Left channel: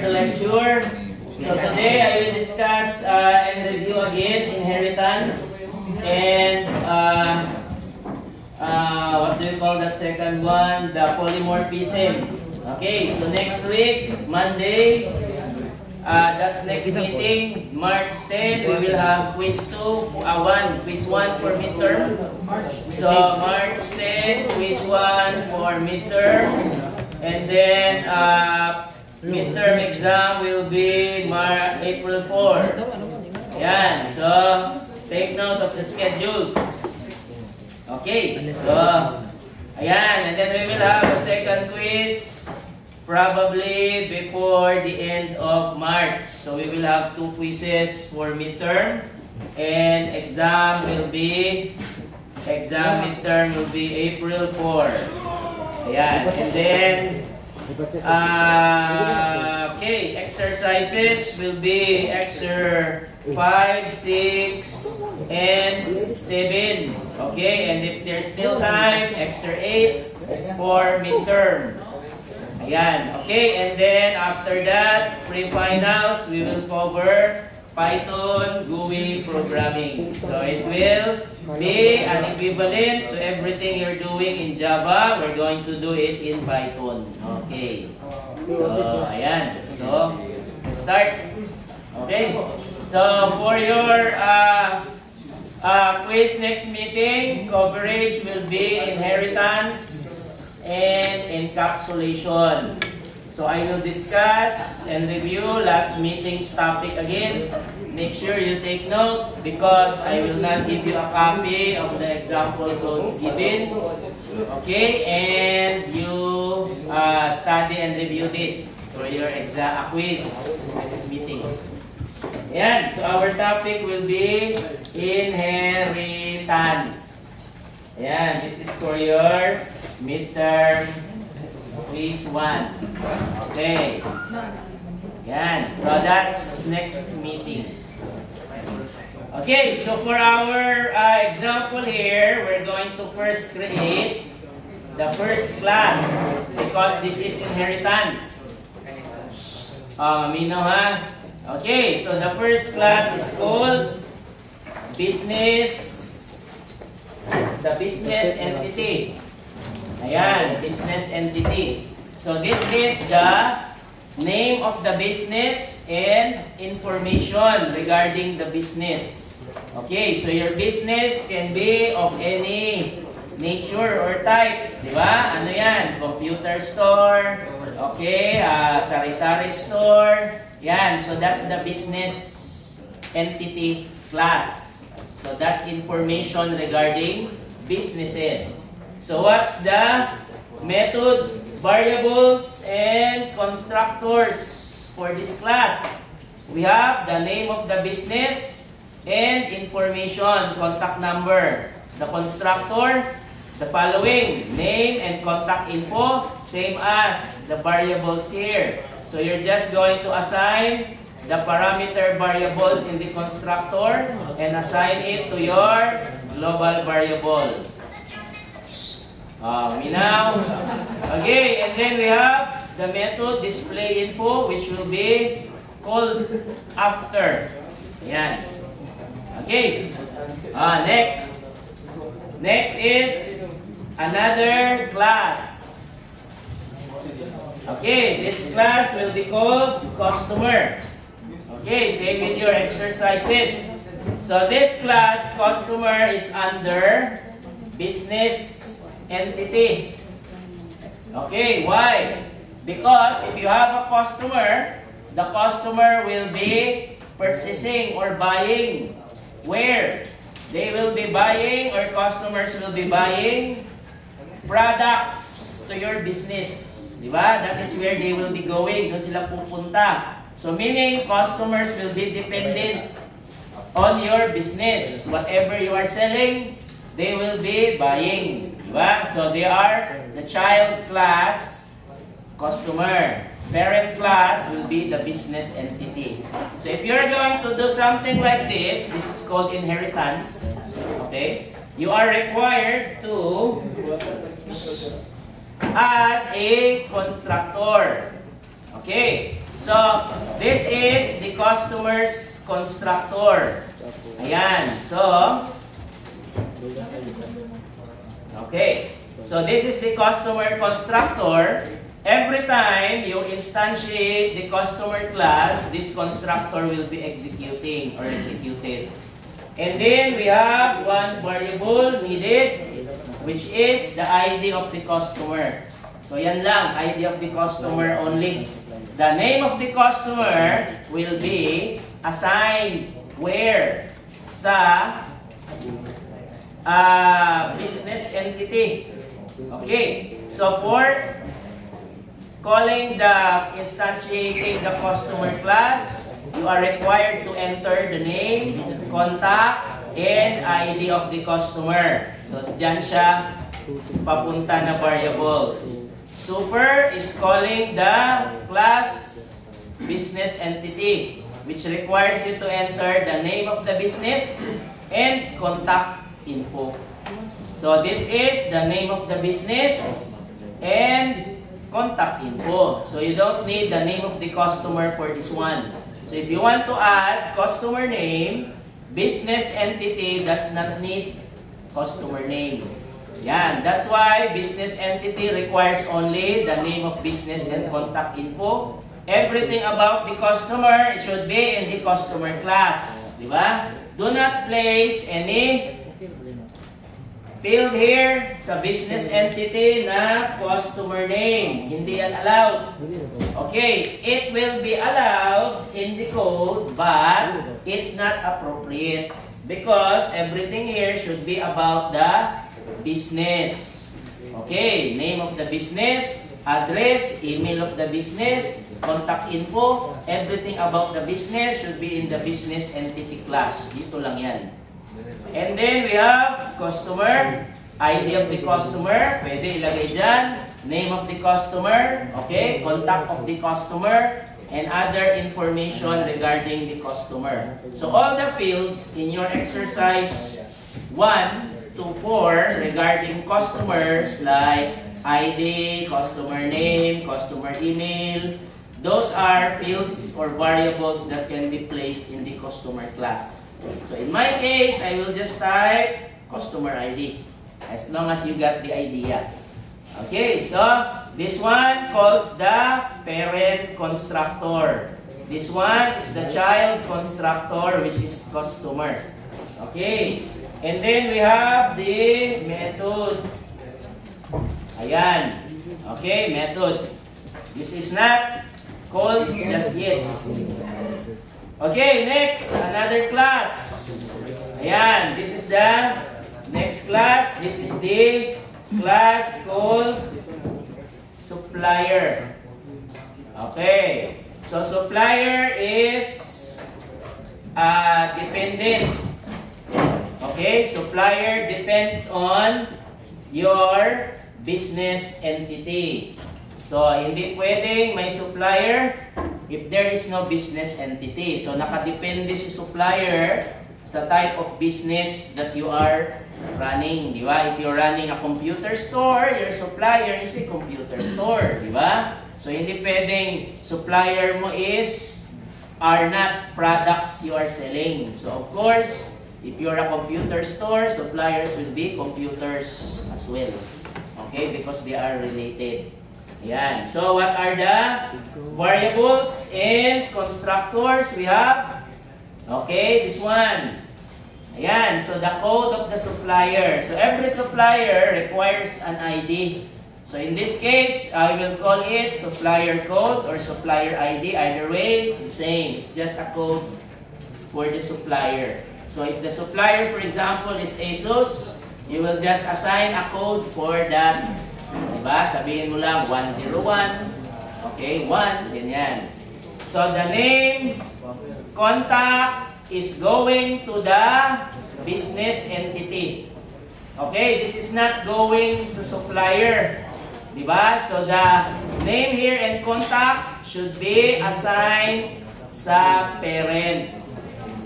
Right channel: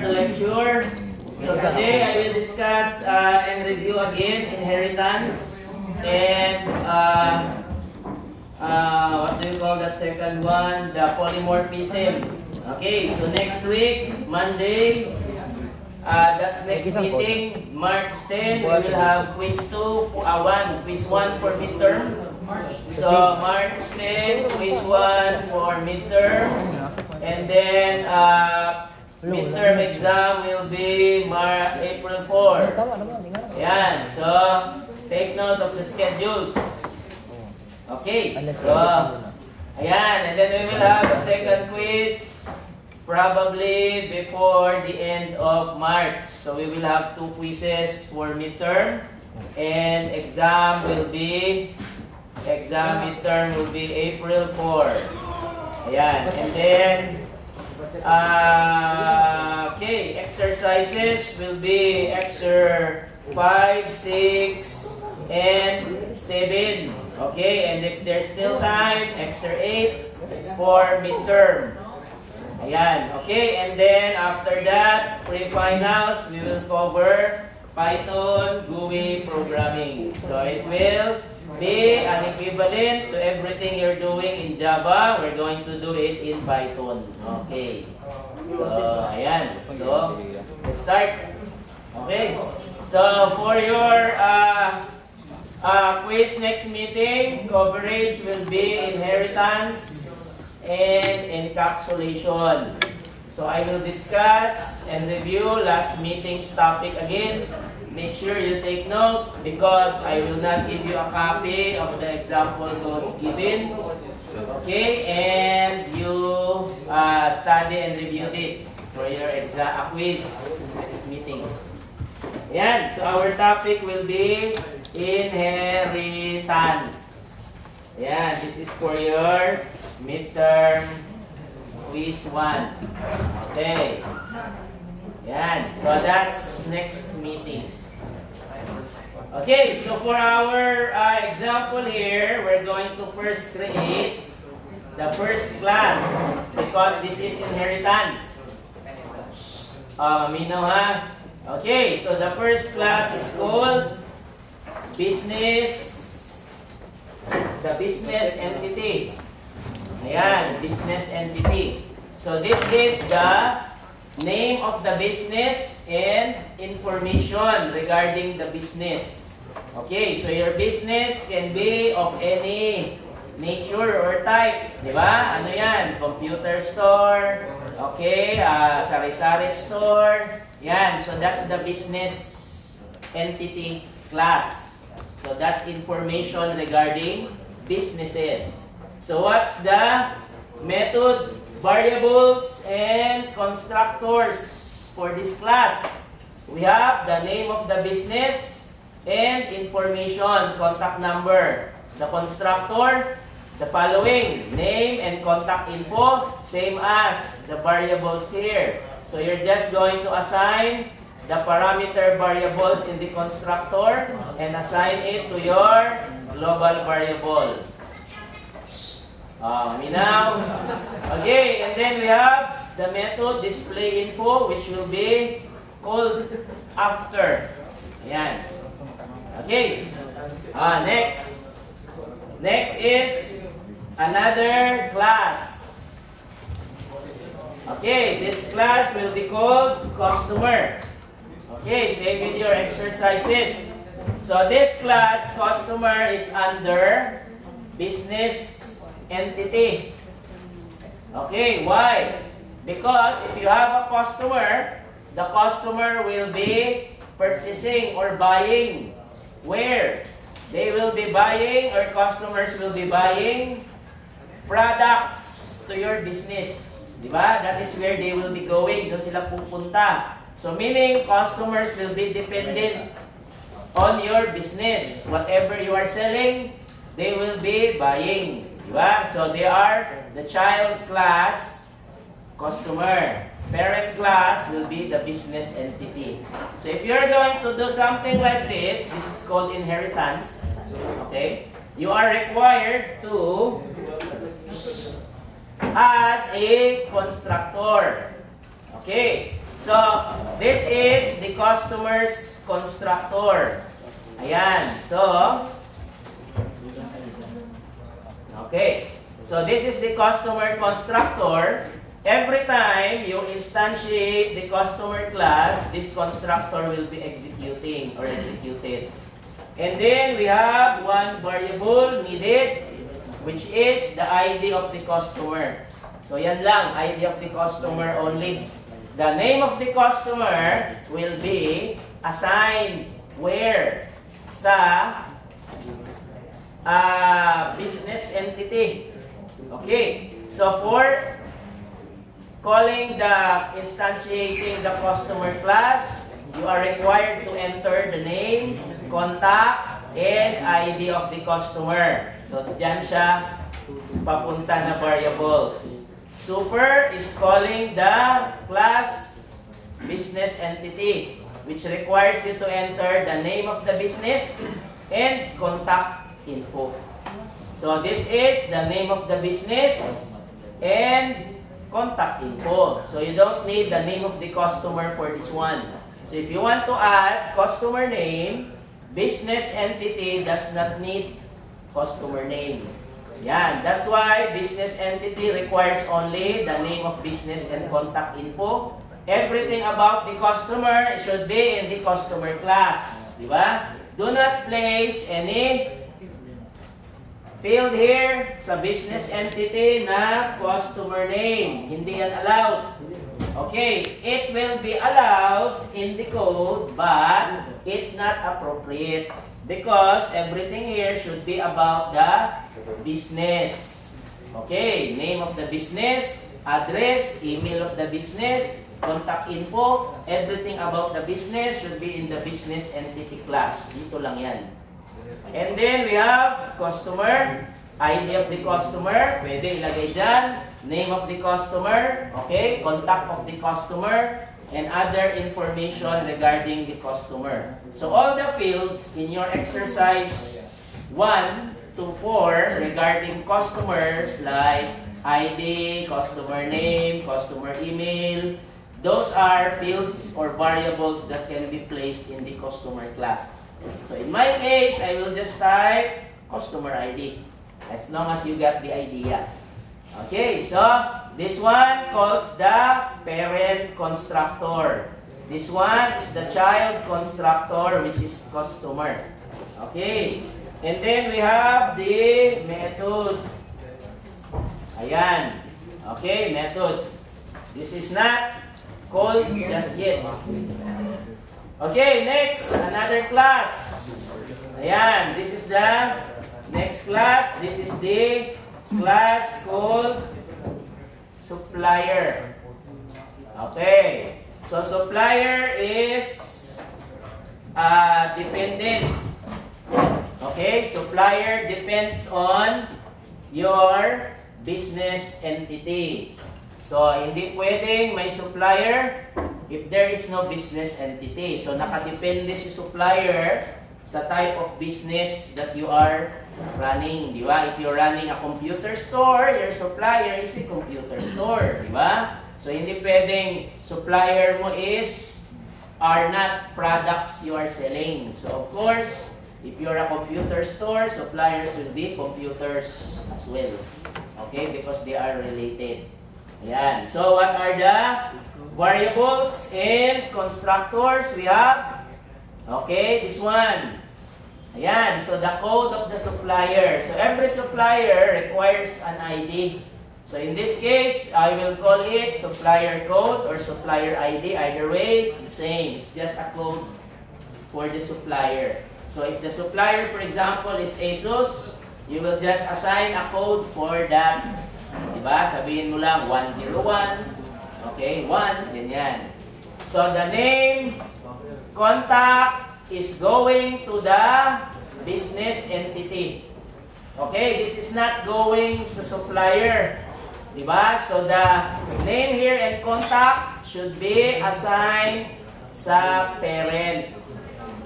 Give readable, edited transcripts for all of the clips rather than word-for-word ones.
The lecture. So today I will discuss and review again inheritance and what do you call that second one? The polymorphism. Okay, so next week, Monday, that's next meeting, March 10, we will have quiz 1 for midterm. So March 10, quiz 1 for midterm, and then midterm exam will be April 4. Ayan, so take note of the schedules. Okay, so ayan, and then we will have a second quiz probably before the end of March. So we will have 2 quizzes for midterm, and midterm will be April 4. Ayan, and then okay, exercises will be exercise 5, 6, and 7. Okay, and if there's still time, exercise 8 for midterm. Ayan, okay, and then after that, pre-finals, we will cover Python, GUI programming. So it will be an equivalent to everything you're doing in Java. We're going to do it in Python. Okay. So, ayan. So, let's start. Okay. So, for your quiz next meeting, coverage will be inheritance and encapsulation. So I will discuss and review last meeting's topic again. Make sure you take note because I will not give you a copy of the example codes given. Okay, and you study and review this for your quiz next meeting. Ayan, so our topic will be inheritance. Ayan, this is for your midterm quiz 1. Okay. Yan. So that's next meeting. Okay. So for our example here, we're going to first create the first class because this is inheritance. Mamino ha? Okay. So the first class is called business. The business entity. Ayan, business entity. So this is the name of the business and information regarding the business. Okay, so your business can be of any nature or type. Diba? Ano yan? Computer store. Okay, sari-sari store. Yan, so that's the business entity class. So that's information regarding businesses. So what's the method, variables, and constructors for this class? We have the name of the business and information, contact number. The constructor, the following, name and contact info, same as the variables here. So you're just going to assign the parameter variables in the constructor and assign it to your global variable. Now, okay, and then we have the method display info, which will be called after. Ayan. Okay. Next is another class. Okay, this class will be called customer. Okay, same with your exercises. So this class, customer, is under business entity. Okay, why? Because if you have a customer, the customer will be purchasing or buying. Where? They will be buying, or customers will be buying products to your business. Diba? That is where they will be going. Doon sila pupunta. So meaning, customers will be dependent on your business. Whatever you are selling, they will be buying. Diba? So they are the child class, customer. Parent class will be the business entity. So if you're going to do something like this is called inheritance. Okay? You are required to add a constructor. Okay. So, this is the customer's constructor. Ayan. So, okay. So, this is the customer constructor. Every time you instantiate the customer class, this constructor will be executing or executed. And then we have one variable needed, which is the ID of the customer. So yan lang, ID of the customer only. The name of the customer will be assigned where? Sa business entity. Okay, so for calling the instantiating the customer class, you are required to enter the name, contact, and ID of the customer. So, dyan siya papunta na variables. Super is calling the class business entity, which requires you to enter the name of the business and contact info. So, this is the name of the business and contact info. So you don't need the name of the customer for this one. So if you want to add customer name, business entity does not need customer name. Yan. That's why business entity requires only the name of business and contact info. Everything about the customer should be in the customer class. Diba? Do not place any field here sa business entity na customer name. Hindi yan allowed. Okay, it will be allowed in the code, but it's not appropriate because everything here should be about the business. Okay, name of the business, address, email of the business, contact info, everything about the business should be in the business entity class. Dito lang yan. And then we have customer, ID of the customer, pwede ilagay dyan, name of the customer, okay, contact of the customer, and other information regarding the customer. So all the fields in your exercise 1 to 4 regarding customers like ID, customer name, customer email, those are fields or variables that can be placed in the customer class. So in my case, I will just type customer ID as long as you got the idea. Okay, so this one calls the parent constructor. This one is the child constructor, which is customer. Okay, and then we have the method. Ayan. Okay, method. This is not called just yet. Okay, next, another class. Ayan, this is the next class. This is the class called supplier. Okay, so supplier is dependent. Okay, supplier depends on your business entity. So, hindi pwedeng may supplier if there is no business entity. So, nakadepende si supplier sa type of business that you are running. Di ba? If you're running a computer store, your supplier is a computer store. Di ba? So, hindi pwedeng supplier mo are not products you are selling. So, of course, if you're a computer store, suppliers will be computers as well. Okay? Because they are related. Ayan. So, what are the variables and constructors we have? Okay, this one. Ayan. So, the code of the supplier. So, every supplier requires an ID. So, in this case, I will call it supplier code or supplier ID. Either way, it's the same. It's just a code for the supplier. So, if the supplier, for example, is ASUS, you will just assign a code for that. Diba? Sabihin mo lang 101. Okay, 1. Ganyan. So, the name, contact is going to the business entity. Okay, this is not going sa supplier. Diba? So, the name here and contact should be assigned sa parent.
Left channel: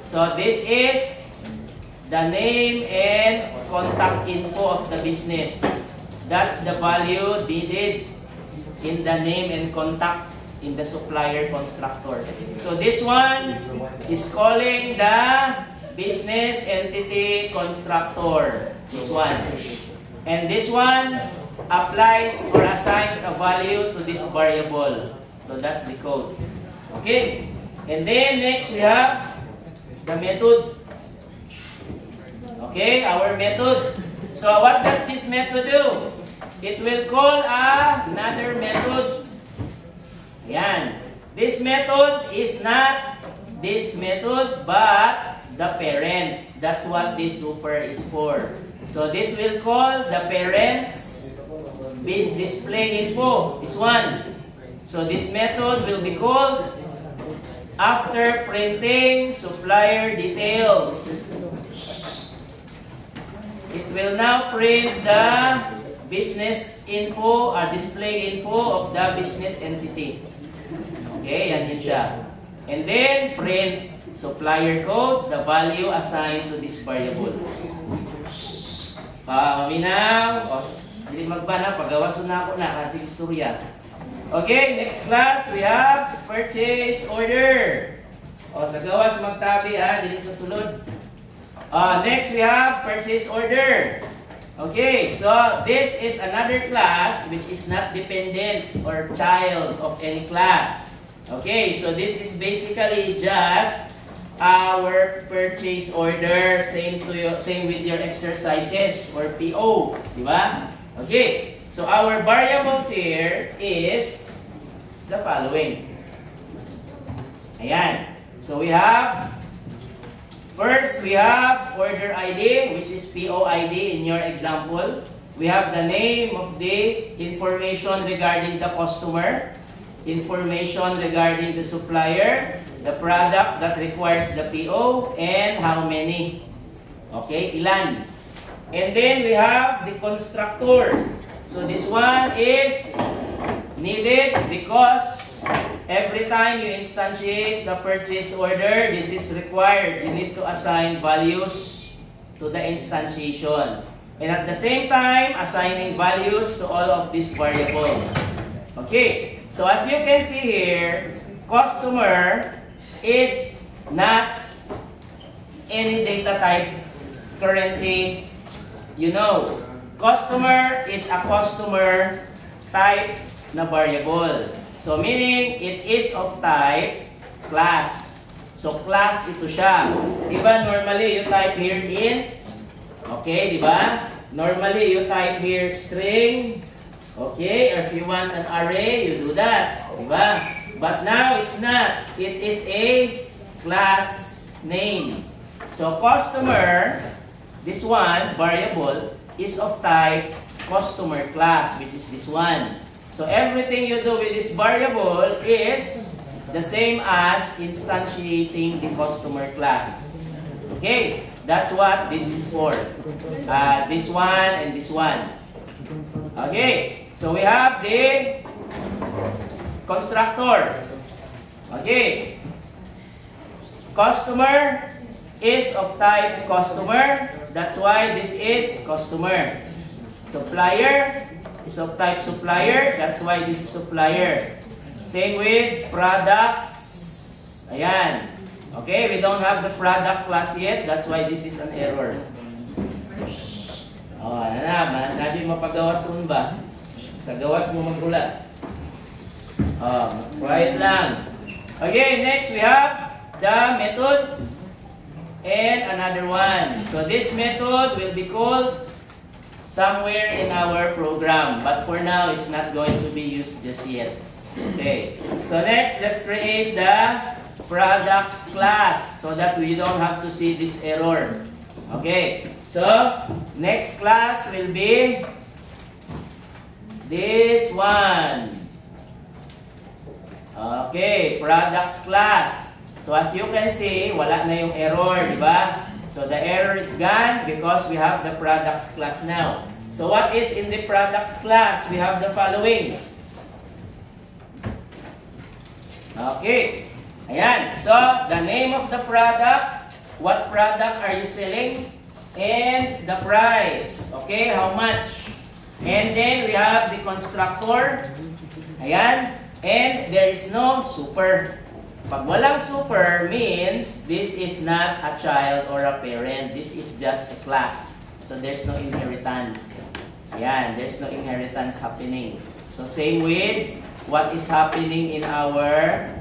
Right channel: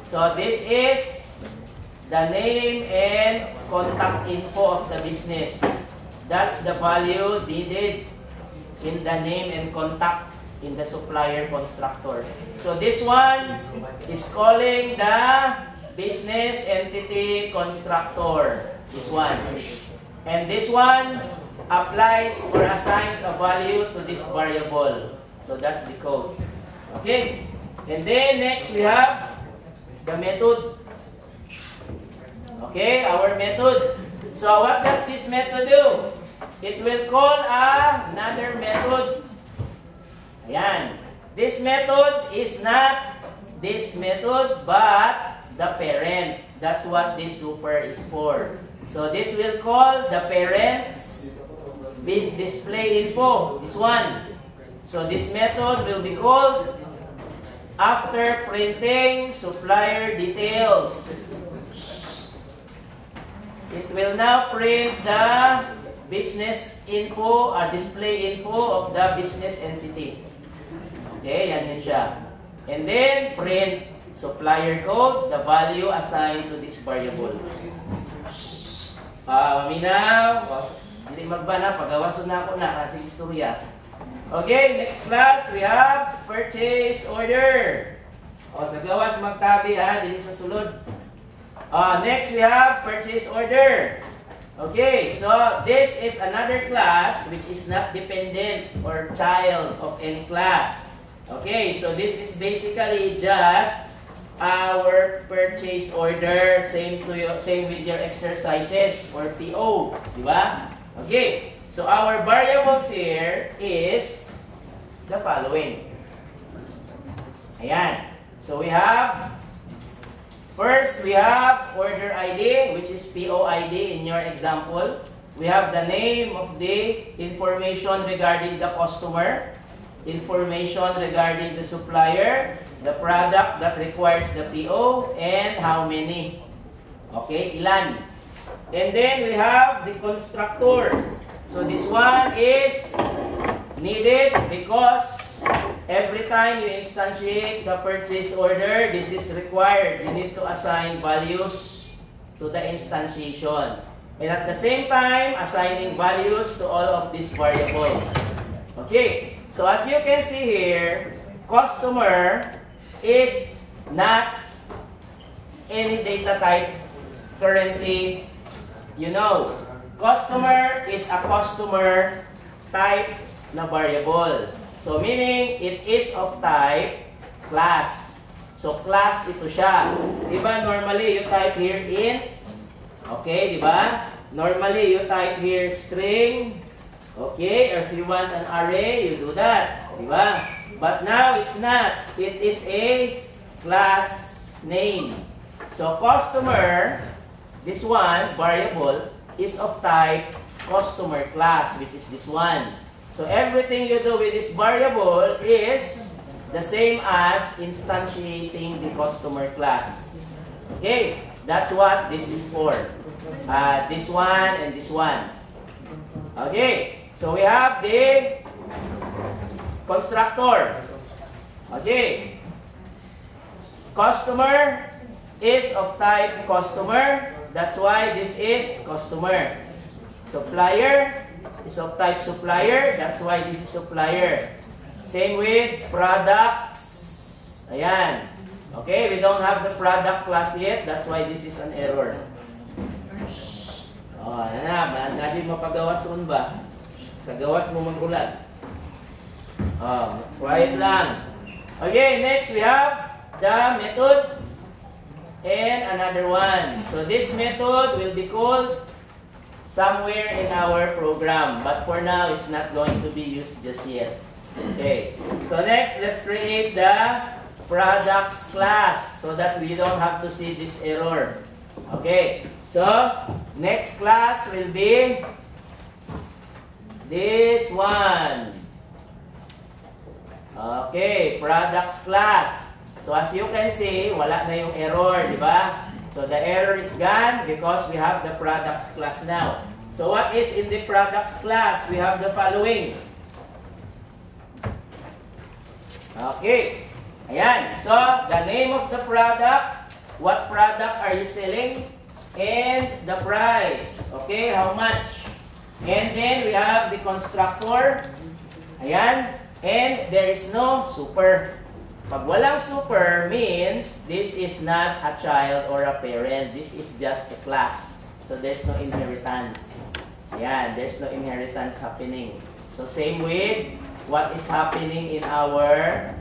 So, this is the name and contact info of the business. That's the value needed in the name and contact in the supplier constructor. So this one is calling the business entity constructor. This one. And this one applies or assigns a value to this variable. So that's the code. Okay. And then next we have the method. Okay, our method. So what does this method do? It will call another method. Ayan. This method is not this method but the parent. That's what this super is for. So this will call the parent's display info. This one. So this method will be called after printing supplier details. It will now print the business info or display info of the business entity. Okay, yan yun siya. And then print supplier code, the value assigned to this variable. Minaw. Hindi magbana, pagawason na ako na kasi istorya. Okay, next class, we have purchase order. O, sa gawas magtabi dili sa sulod. Next, we have purchase order. Okay, so this is another class which is not dependent or child of any class. Okay, so this is basically just our purchase order, same with your exercises or PO, di ba? Okay, so our variables here is the following. Ayan. So we have, first we have order ID, which is PO ID in your example. We have the name of the information regarding the customer, information regarding the supplier, the product that requires the PO, and how many. Okay, ilan. And then we have the constructor. So this one is needed because every time you instantiate the purchase order, this is required. You need to assign values to the instantiation. And at the same time, assigning values to all of these variables. Okay, so as you can see here, customer is not any data type currently. You know, customer is a customer type na variable. So meaning, it is of type class. So class ito siya. Diba normally you type here int. Okay, diba? Normally you type here string. Okay, or if you want an array, you do that. Diba? But now it's not. It is a class name. So customer, this one, variable, is of type customer class, which is this one. So everything you do with this variable is the same as instantiating the customer class. Okay, that's what this is for. This one and this one. Okay, so we have the constructor. Okay, customer is of type customer. That's why this is customer. Supplier is of type supplier. That's why this is supplier. Same with products. Ayan. Okay, we don't have the product class yet. That's why this is an error. Oh, natin mapagawas nun ba? Sa gawas mo mag-ulat. Quiet lang. Okay, next we have the method and another one. So this method will be called somewhere in our program. But for now, it's not going to be used just yet. Okay. So next, let's create the products class so that we don't have to see this error. Okay. So next class will be this one. Okay, products class. So as you can see, wala na yung error, di ba? So the error is gone because we have the products class now. So what is in the products class? We have the following. Okay. Ayan. So the name of the product, what product are you selling, and the price. Okay, how much? And then we have the constructor. Ayan. And there is no super. Pag walang super means this is not a child or a parent. This is just a class. So there's no inheritance. Yan, there's no inheritance happening. So same with what is happening in our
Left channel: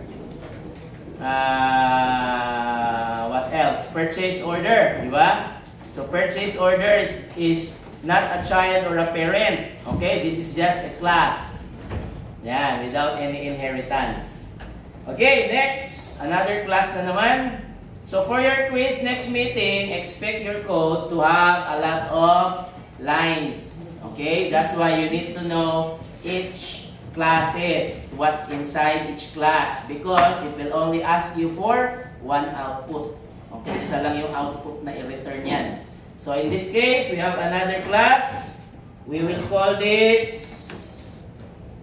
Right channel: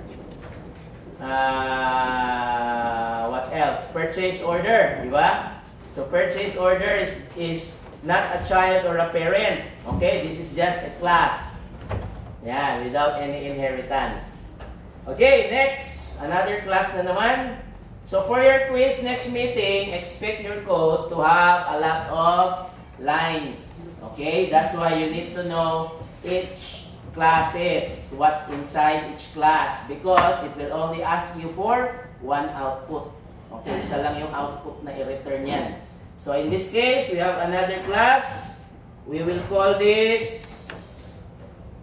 what else? Purchase order, di ba? So purchase order is not a child or a parent. Okay, this is just a class. Yan, without any inheritance. Okay, next, another class na naman. So for your quiz next meeting, expect your code to have a lot of lines. Okay, that's why you need to know each classes, what's inside each class, because it will only ask you for one output. Okay, isa lang yung output na i-return yan. So in this case, we have another class. We will call this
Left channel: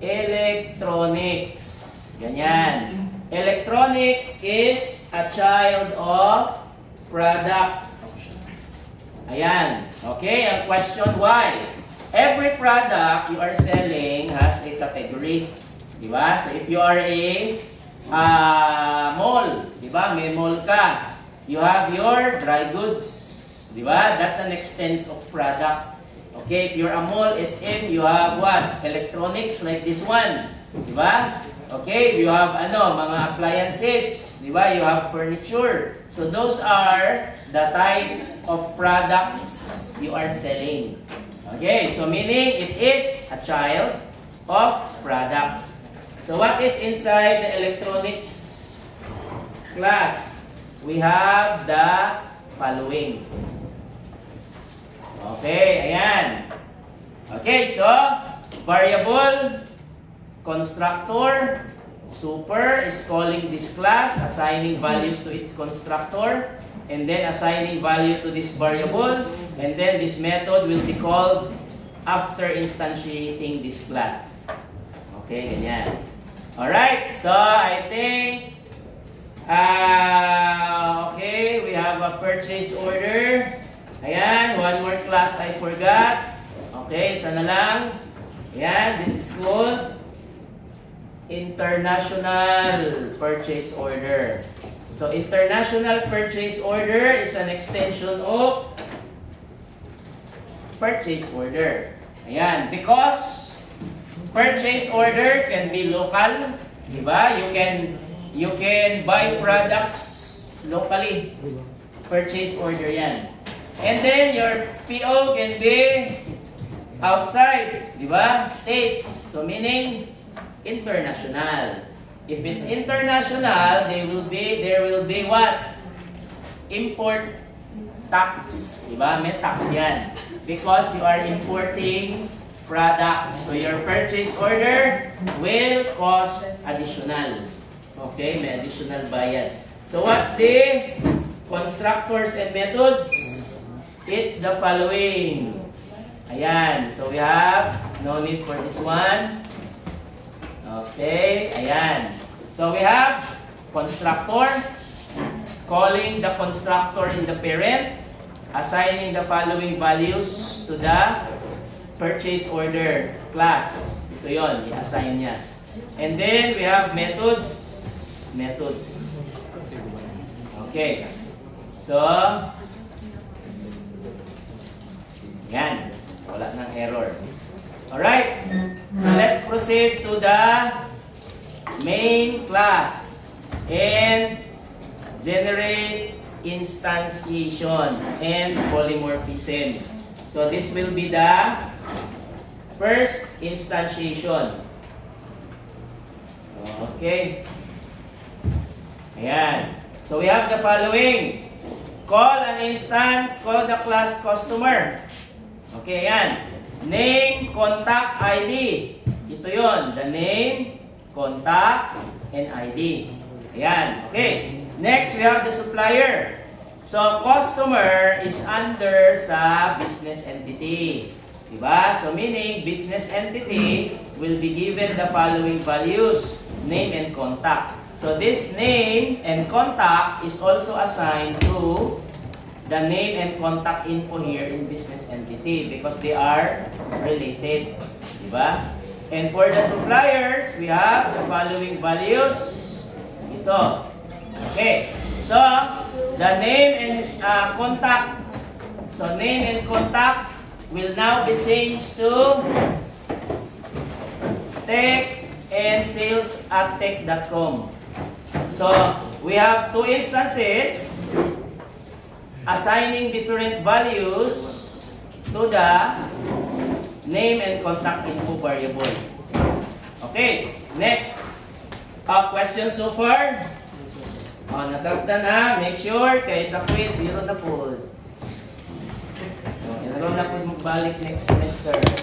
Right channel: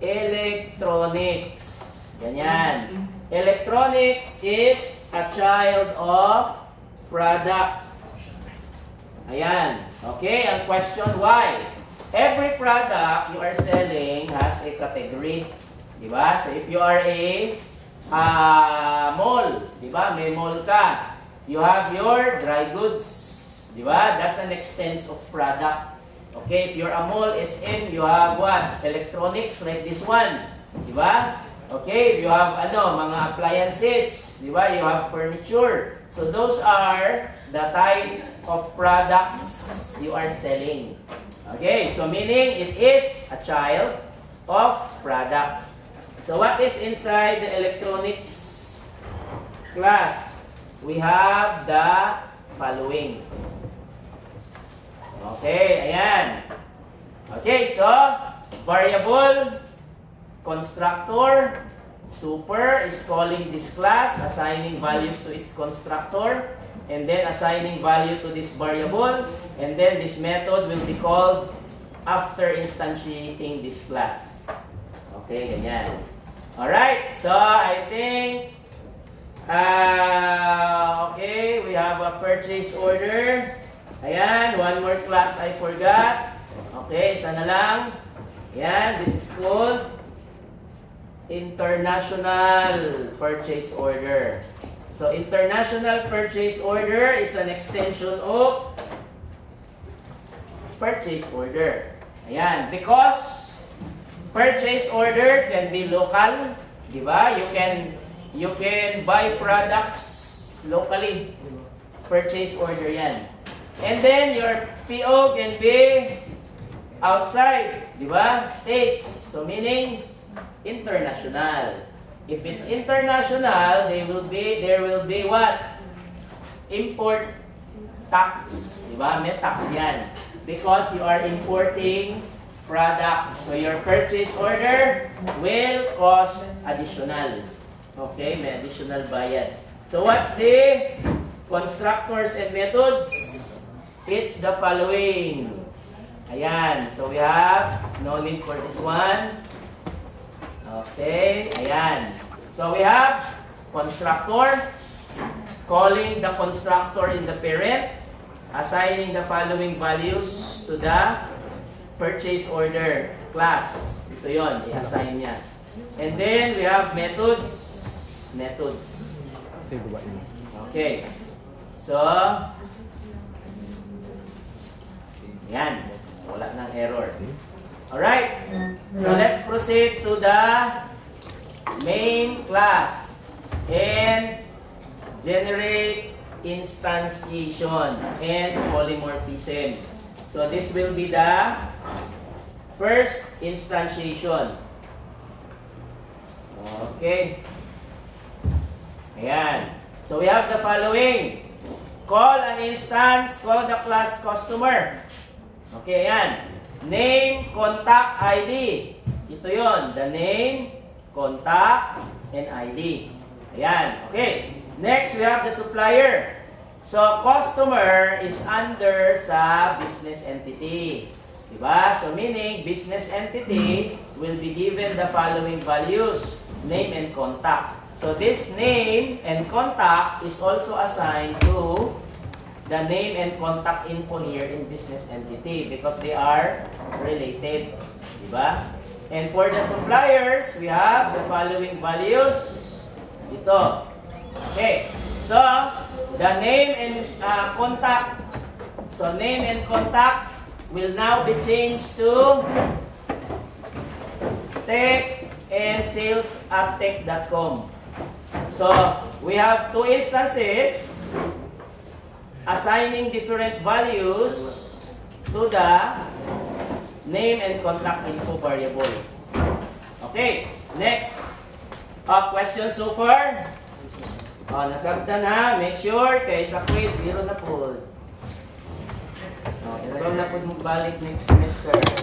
electronics. Ganyan. Electronics is a child of product. Ayan. Okay, ang question why? Every product you are selling has a category. Diba? So if you are a mall, diba? May mall ka. You have your dry goods. Diba? That's an expense of product. Okay, if you're a mall SM, you have what? Electronics like this one. Diba? Okay, you have mga appliances, di ba? You have furniture. So those are the type of products you are selling. Okay, so meaning it is a child of products. So what is inside the electronics class? We have the following. Okay, ayan. Okay, so variable, constructor, super is calling this class, assigning values to its constructor, and then assigning value to this variable, and then this method will be called after instantiating this class. Okay, ganyan. Alright, so I think, okay, we have a purchase order. Ayan, one more class I forgot. Okay, isa na lang. Ayan, this is called International Purchase Order. So, International Purchase Order is an extension of Purchase Order. Ayan, because Purchase Order can be local, di ba? You can buy products locally. Purchase Order yan. And then, your PO can be outside, di ba? States. So, meaning international. If it's international, there will be what? Import tax. Diba? May tax yan. Because you are importing products. So your purchase order will cost additional. Okay? May additional bayad. So what's the constructors and methods? It's the following. Ayan. So we have no need for this one. Okay, ayan. So we have constructor, calling the constructor in the parent, assigning the following values to the purchase order class. Ito yon, i-assign niya. And then we have methods. Okay. So, yan. Wala nang error. Alright, so let's proceed to the main class and generate instantiation and polymorphism. So this will be the first instantiation. Okay. Ayan. So we have the following. Call an instance, call the class customer. Okay, ayan. Name, contact, ID. Ito yon, the name, contact, and ID. Ayan, okay. Next, we have the supplier. So, customer is under sa business entity. Diba? So, meaning, business entity will be given the following values, name and contact. So, this name and contact is also assigned to the name and contact info here in business entity because they are related. Diba? And for the suppliers, we have the following values. Ito. Okay. So, the name and contact. So, name and contact will now be changed to tech and sales@tech.com. So, we have two instances assigning different values to the name and contact info variable. Okay, next. Question so far? Nasabtan ha. Make sure kay sa quiz, zero na po. Zero na po magbalik next semester.